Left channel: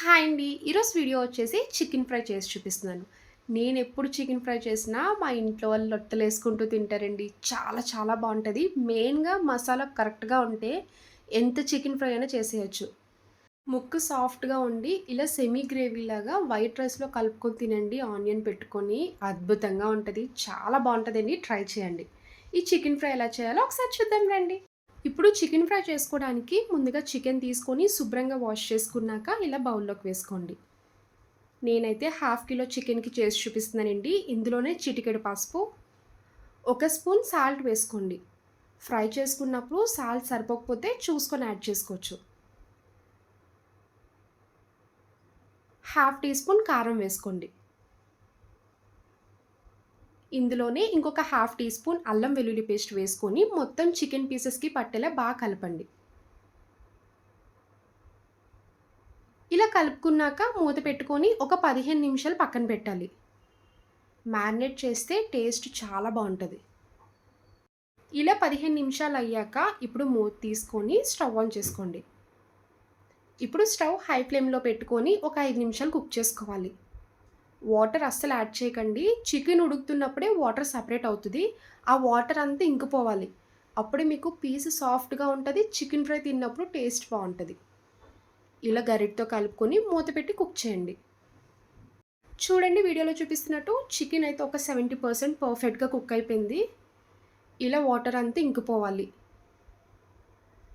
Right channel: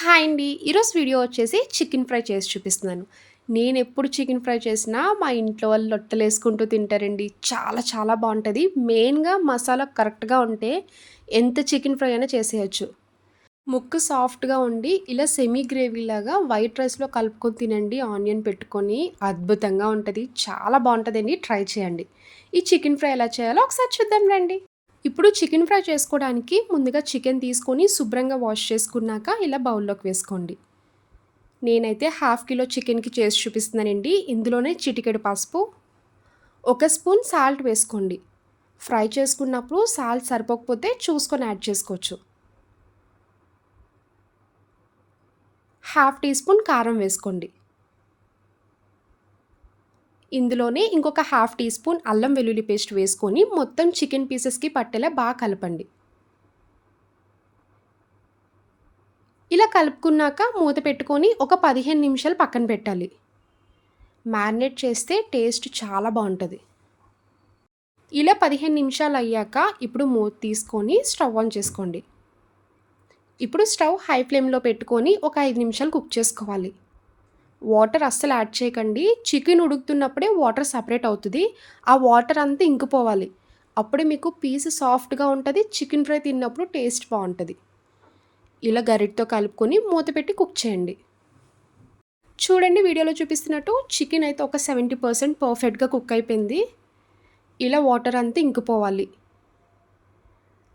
Hi అండి. ఈరోజు video వచ్చేసి చికెన్ ఫ్రై చేసి చూపిస్తున్నాను. నేనెప్పుడు చికెన్ ఫ్రై చేసినా మా ఇంట్లో వాళ్ళు లొట్టలేసుకుంటూ తింటారండి. చాలా చాలా బావుంటది. మెయిన్‌గా మసాలా కరెక్ట్‌గా ఉంటే ఎంత చికెన్ ఫ్రై అయినా చేసేయొచ్చు. ముక్క సాఫ్ట్‌గా ఉండి ఇలా సెమీ గ్రేవీలాగా వైట్ రైస్‌లో కలుపుకొని తినండి ఆనియన్ పెట్టుకొని. అద్భుతంగా ఉంటది. చాలా బావుంటదండి. ట్రై చేయండి. ఈ చికెన్ ఫ్రై ఎలా చేయాలో ఒకసారి చూద్దాం రండి. ఇప్పుడు చికెన్ ఫ్రై చేసుకోవడానికి ముందుగా చికెన్ తీసుకొని శుభ్రంగా వాష్ చేసుకున్నాక ఇలా బౌల్లోకి వేసుకోండి. నేనైతే హాఫ్ కిలో చికెన్‌కి చేసి చూపిస్తున్నానండి. ఇందులోనే చిటికెడు పసుపు, ఒక స్పూన్ సాల్ట్ వేసుకోండి. ఫ్రై చేసుకున్నప్పుడు సాల్ట్ సరిపోకపోతే చూసుకొని యాడ్ చేసుకోవచ్చు. హాఫ్ టీ స్పూన్ కారం వేసుకోండి. ఇందులోనే ఇంకొక హాఫ్ టీ స్పూన్ అల్లం వెల్లుల్లి పేస్ట్ వేసుకొని మొత్తం చికెన్ పీసెస్‌కి పట్టేలా బాగా కలపండి. ఇలా కలుపుకున్నాక మూత పెట్టుకొని ఒక 15 నిమిషాలు పక్కన పెట్టాలి. మ్యారినేట్ చేస్తే టేస్ట్ చాలా బావుంటది. ఇలా 15 నిమిషాలయ్యాక ఇప్పుడు మూత తీసుకొని స్టవ్ ఆన్ చేసుకోండి. ఇప్పుడు స్టవ్ హై ఫ్లేమ్‌లో పెట్టుకొని ఒక 5 నిమిషాలు కుక్ చేసుకోవాలి. వాటర్ అస్సలు యాడ్ చేయకండి. చికెన్ ఉడుకుతున్నప్పుడే వాటర్ సెపరేట్ అవుతది. ఆ వాటర్ అంతా ఇంకిపోవాలి. అప్పుడే మీకు పీస్ సాఫ్ట్‌గా ఉంటది. చికెన్ ఫ్రై తిన్నప్పుడు టేస్ట్ బావుంటది. ఇలా గరిటెతో కలుపుకొని మూత పెట్టి కుక్ చేయండి. చూడండి వీడియోలో చూపిస్తున్నట్టు చికెన్ అయితే ఒక 70% పర్ఫెక్ట్‌గా కుక్ అయిపోయింది. ఇలా వాటర్ అంతా ఇంకిపోవాలి.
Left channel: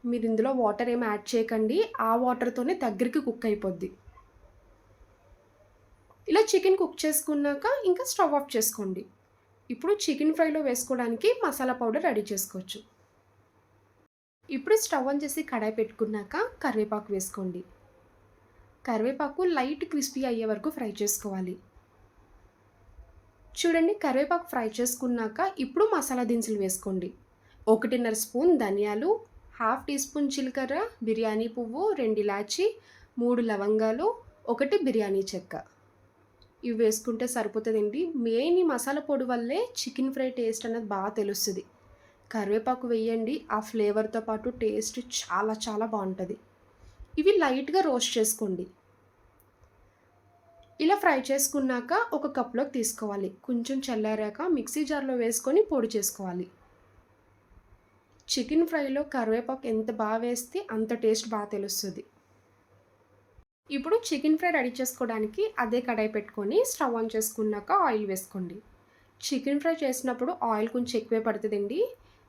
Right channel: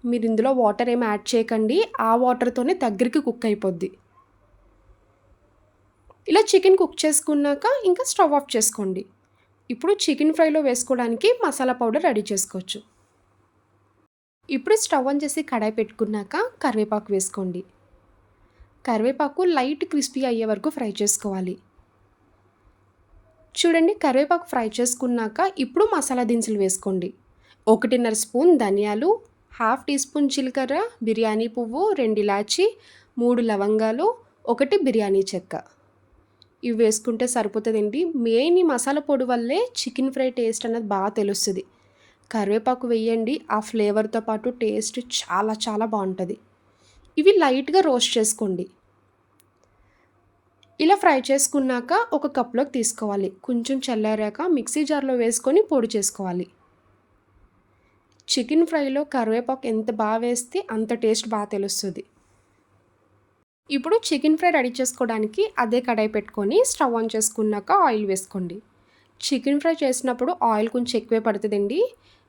మీరు ఇందులో వాటర్ ఏమి యాడ్ చేయకండి. ఆ వాటర్‌తోనే దగ్గరికి కుక్ అయిపోద్ది. ఇలా చికెన్ కుక్ చేసుకున్నాక ఇంకా స్టవ్ ఆఫ్ చేసుకోండి. ఇప్పుడు చికెన్ ఫ్రైలో వేసుకోవడానికి మసాలా పౌడర్ రెడీ చేసుకోవచ్చు. ఇప్పుడు స్టవ్ ఆన్ చేసి కడాయి పెట్టుకున్నాక కరివేపాకు వేసుకోండి. కరివేపాకు లైట్ క్రిస్పీ అయ్యే వరకు ఫ్రై చేసుకోవాలి. చూడండి కరివేపాకు ఫ్రై చేసుకున్నాక ఇప్పుడు మసాలా దినుసులు వేసుకోండి. 1:30 స్పూన్ ధనియాలు, హాఫ్ టీ స్పూన్ జీలకర్ర, బిర్యానీ పువ్వు, 2 ఇలాచి, 3 లవంగాలు, 1 బిర్యానీ చెక్క. ఇవి వేసుకుంటే సరిపోతదండి. మెయిన్ ఈ మసాలా పొడి వల్లే చికెన్ ఫ్రై టేస్ట్ అనేది బాగా తెలుస్తది. కరివేపాకు వేయండి. ఆ ఫ్లేవర్‌తో పాటు టేస్ట్ చాలా చాలా బావుంటది. ఇవి లైట్‌గా రోస్ట్ చేసుకోండి. ఇలా ఫ్రై చేసుకున్నాక ఒక కప్‌లోకి తీసుకోవాలి. కొంచెం చల్లారాక మిక్సీ జార్‌లో వేసుకొని పొడి చేసుకోవాలి. చికెన్ ఫ్రైలో కరివేపాకు ఎంత వేస్తే అంత టేస్ట్ తెలుస్తది. ఇప్పుడు చికెన్ ఫ్రై రెడీ చేసుకోవడానికి అదే కడాయి పెట్టుకొని స్టవ్ ఆన్ చేసుకున్నాక ఆయిల్ వేసుకోండి. చికెన్ ఫ్రై చేసినప్పుడు ఆయిల్ కొంచెం ఎక్కువే పడతదండి.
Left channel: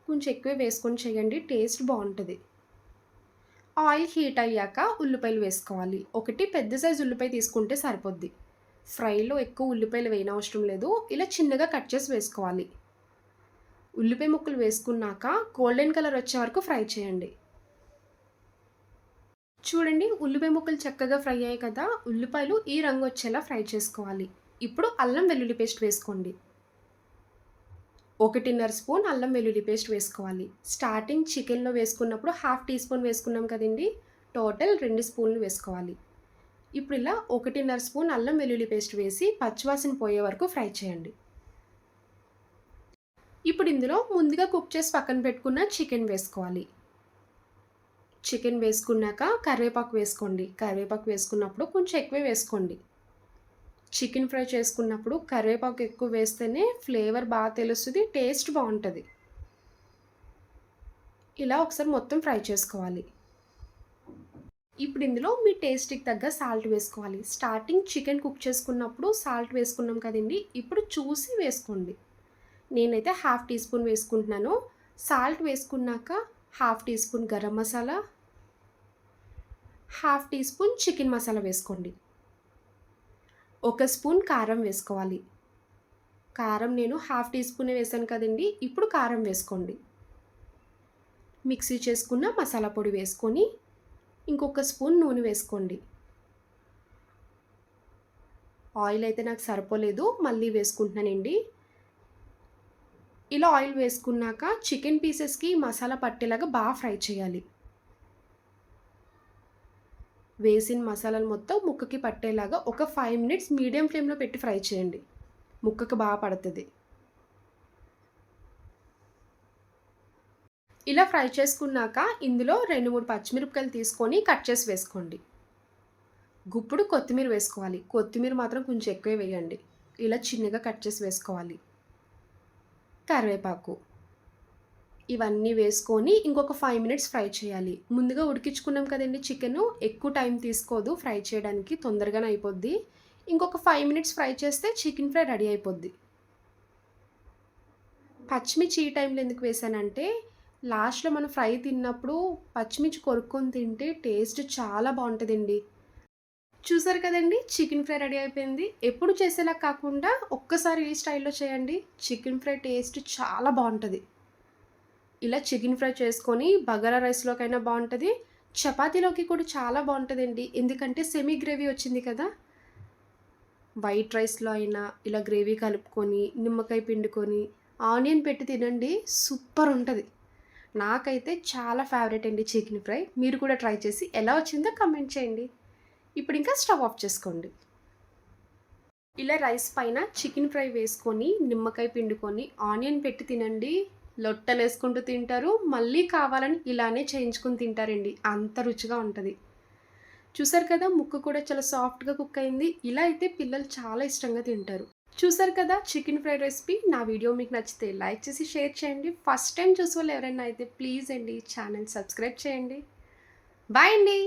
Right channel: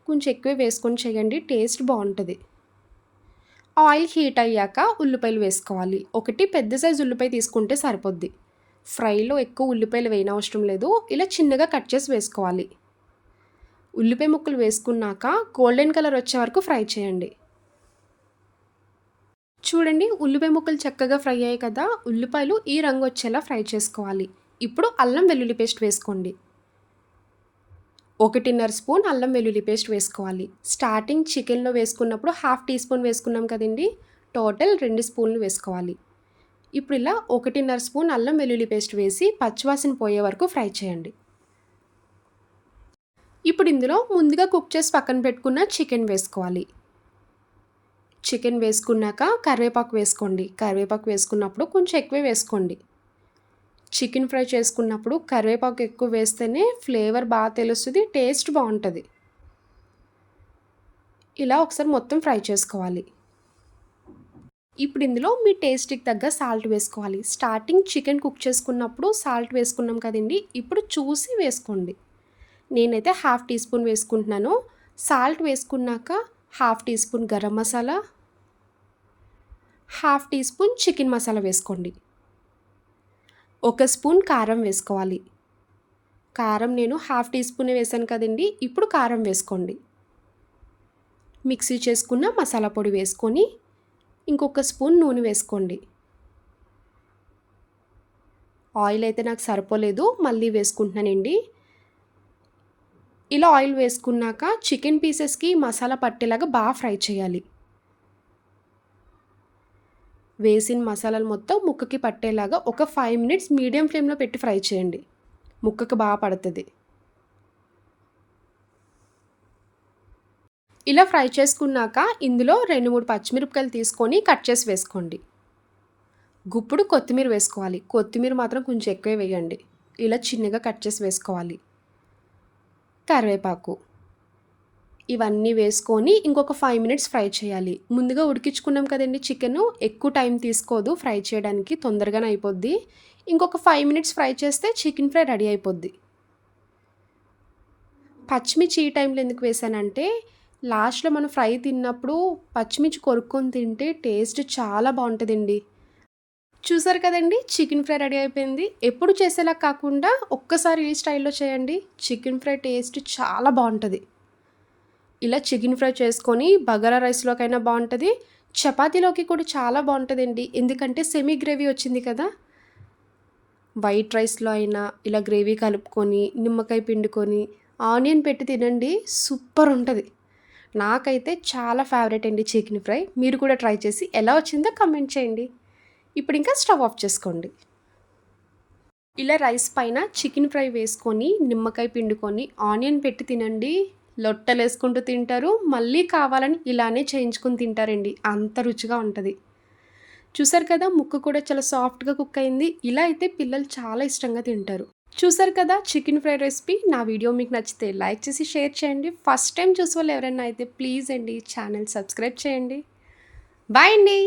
కొంచెం ఎక్కువే వేసుకొని చేయండి. టేస్ట్ బావుంటది. ఆయిల్ హీట్ అయ్యాక ఉల్లిపాయలు వేసుకోవాలి. ఒకటి పెద్ద సైజు ఉల్లిపాయ తీసుకుంటే సరిపోద్ది. ఫ్రైలో ఎక్కువ ఉల్లిపాయలు వేయనవసరం లేదు. ఇలా చిన్నగా కట్ చేసి వేసుకోవాలి. ఉల్లిపాయ ముక్కలు వేసుకున్నాక గోల్డెన్ కలర్ వచ్చే వరకు ఫ్రై చేయండి. చూడండి ఉల్లిపాయ ముక్కలు చక్కగా ఫ్రై అయ్యాయి కదా! ఉల్లిపాయలు ఈ రంగు వచ్చేలా ఫ్రై చేసుకోవాలి. ఇప్పుడు అల్లం వెల్లుల్లి పేస్ట్ వేసుకోండి. 1:30 స్పూన్ అల్లం వెల్లుల్లి పేస్ట్ వేసుకోవాలి. స్టార్టింగ్ చికెన్‌లో వేసుకున్నప్పుడు హాఫ్ టీ స్పూన్ వేసుకున్నాం కదండీ! టోటల్ 2 స్పూన్లు వేసుకోవాలి. ఇప్పుడు ఇలా 1:30 స్పూన్ అల్లం వెల్లుల్లి పేస్ట్ వేసి పచ్చివాసన పోయే వరకు ఫ్రై చేయండి. ఇప్పుడు ఇందులో ముందుగా కుక్ చేసి పక్కన పెట్టుకున్న చికెన్ వేసుకోవాలి. చికెన్ వేసుకున్నాక కరివేపాకు వేసుకోండి. కరివేపాకు వేసుకున్నప్పుడు కొంచెం ఎక్కువే వేసుకోండి. చికెన్ ఫ్రై చేసుకున్నప్పుడు కరివేపాకు ఎక్కువ వేస్తేనే ఫ్లేవర్ తెలుస్తది. టేస్ట్ బావుంటది. ఇలా ఒకసారి మొత్తం ఫ్రై చేసుకోవాలి. ఇప్పుడు ఇందులో మీ టేస్ట్‌కి తగ్గ సాల్ట్ వేసుకోవాలి. స్టార్టింగ్ చికెన్ కుక్ చేసుకున్నప్పుడు సాల్ట్ వేసుకున్నాం కదండీ! ఇప్పుడు చూసి వేసుకోండి. నేనైతే హాఫ్ టీ స్పూన్ వేసుకుంటున్నాను. సాల్ట్ వేసుకున్నాక half teaspoon garam masala, half teaspoon chicken masala వేసుకోండి. ఒక స్పూన్ కారం వేసుకోవాలి. కారం నేను హాఫ్ టీ స్పూనే వేశాను కదండీ! ఇప్పుడు కారం వేసుకోండి. మిక్సీ చేసుకున్న మసాలా పొడి వేసుకొని, ఇంకొక స్పూన్ నూనె వేసుకోండి. ఆయిల్ అయితే నాకు సరిపోలేదు. మళ్ళీ వేసుకుంటున్నానండి. ఇలా ఆయిల్ వేసుకున్నాక చికెన్ పీసెస్‌కి మసాలా పట్టేలాగా ఫ్రై చేయాలి. వేసిన మసాలాలు మొత్తం ముక్కకి పట్టేలాగా ఒక 5 మినిట్స్ మీడియం ఫ్లేమ్‌లో పెట్టి ఫ్రై చేయండి. ముక్కకి పడతది. ఇలా ఫ్రై చేసుకున్నాక ఇందులో 2, 3 పచ్చిమిరపకాయలు తీసుకొని కట్ చేసి వేసుకోండి. గుప్పుడు కొత్తిమీర వేసుకోవాలి. కొత్తిమీర మాత్రం కొంచెం ఎక్కువే వేయండి. ఇలా చిన్నగా కట్ చేసి వేసుకోవాలి. కరివేపాకు. ఇవన్నీ వేసుకొని ఇంకొక 5 మినిట్స్ ఫ్రై చేయాలి. ముందుగా ఉడికించుకున్నాం కదండీ చికెను, ఎక్కువ టైం తీసుకోదు ఫ్రై చేయడానికి, తొందరగానే అయిపోద్ది. ఇంకొక 5 మినిట్స్ ఫ్రై చేస్తే చికెన్ ఫ్రై రెడీ అయిపోద్ది. పచ్చిమిర్చి ఈ టైంలో ఎందుకు వేశానంటే, లాస్ట్‌లో మనం ఫ్రై తిన్నప్పుడు పచ్చిమిర్చి కొరుక్కొని తింటే టేస్ట్ చాలా బావుంటదండి. చూసారు కదండీ! చికెన్ ఫ్రై రెడీ అయిపోయింది. ఎప్పుడు చేసేలా కాకుండా ఒక్కసారి ఈ స్టైల్‌లో చేయండి. చికెన్ ఫ్రై టేస్ట్ చాలా బావుంటది. ఇలా చికెన్ ఫ్రై చేసుకొని బగారా రైస్‌లోకైనా బావుంటది. చపాతీలోకి కూడా చాలా బావుంటదండి. ఎందుకంటే సెమీ గ్రేవీ వచ్చింది కదా! వైట్ రైస్‌లో అయినా ఇలా గ్రేవీ కలుపుకొని, నిమ్మకాయ పిండుకొని, ఆనియన్ పెట్టి తినండి సూపరుంటది. నాకైతే చాలా ఫేవరెట్ అండి చికెన్ ఫ్రై. మీరు కూడా ట్రై చేసి ఎలా వచ్చిందో కామెంట్ చేయండి. ఇప్పుడింకా స్టవ్ ఆఫ్ చేసుకోండి. ఇలా రైస్ పైన చికెన్ ఫ్రై వేసుకొని, నిమ్మకాయ పిండుకొని, ఆనియన్ పెట్టి తినండి. లొట్టలేసుకుంటూ తింటారు. మళ్ళీ కావాలని ఇలానే చేయించుకొని తింటారండి. అంత రుచిగా ఉంటది. చూసారు కదా! ముక్క కూడా చాలా సాఫ్ట్‌గా కుక్ అయింది. ఇలా అయితే పిల్లలు చాలా ఇష్టంగా తింటారు. చూసారు కదా! Chicken fry recipe. నా వీడియో మీకు నచ్చితే లైక్ చేసి షేర్ చేయండి. ఫస్ట్ టైమ్ చూసేవాళ్ళు ఎవరైనా అయితే ప్లీజ్ అండి ఛానల్ సబ్స్క్రైబ్ చేయండి. బాయ్ అండి.